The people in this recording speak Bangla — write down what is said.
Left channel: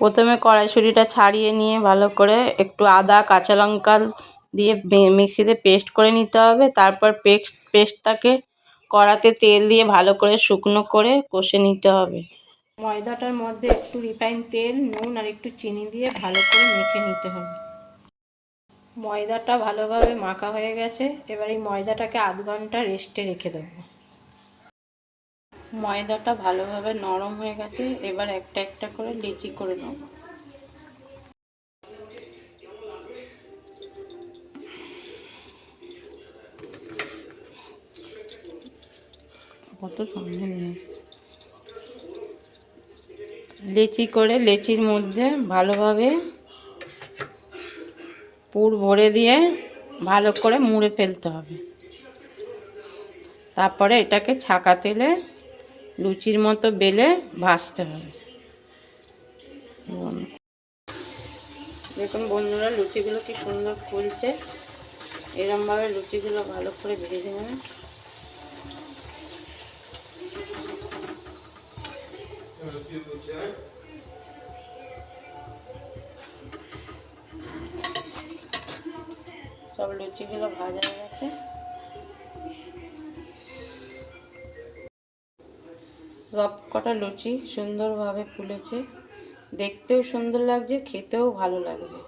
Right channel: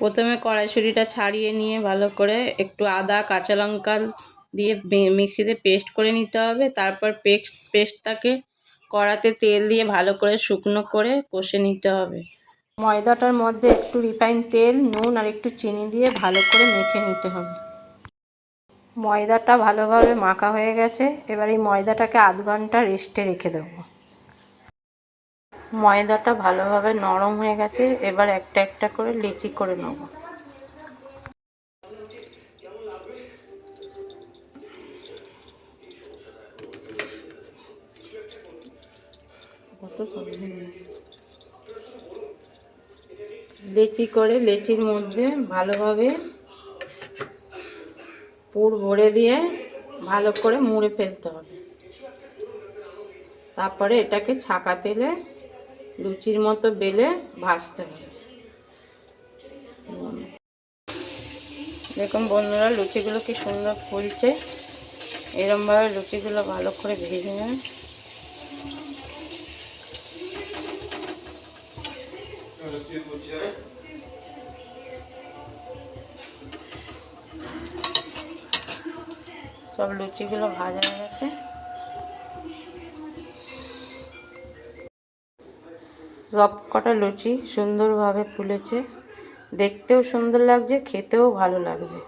প্রথমে কড়াইশুঁটিটা ছাড়িয়ে নিয়ে ভালো করে একটু আদা কাঁচা লঙ্কা দিয়ে মিক্সিতে পেস্ট করে নিতে হবে। তারপর পেস্টটাকে কড়াতে তেল দিয়ে ভালো করে শুকনো করে কষে নিতে হবে। ময়দাটার মধ্যে একটু রিফাইন তেল, নুন আর একটু চিনি দিয়ে ভালো করে মেখে নিতে হবে। ময়দাটা ভালোভাবে মাখা হয়ে গেছে। এবার এই ময়দাটাকে আধ ঘন্টা রেস্টে রেখে দেবো। ময়দাটা ভালোভাবে নরম হয়ে গেছে। এবার একটা একটা করে লেচি করে নেব। লেচি করে লেচির মধ্যে ভালোভাবে পুর ভরে দিয়ে ভালো করে মুড়ে ফেলতে হবে। তারপরে এটাকে ছাঁকা তেলে লুচির মতো বেলে ভাজতে হবে। দেখুন বন্ধুরা, লুচিগুলো কি সুন্দর ফুলছে। এরমভাবে লুচিগুলো ভালো করে ভেজে নেবেন। সব লুচিগুলো ভাজা হয়ে গেছে। সব কটা লুচি সুন্দরভাবে ফুলেছে, দেখতেও সুন্দর লাগছে, খেতেও ভালো লাগবে।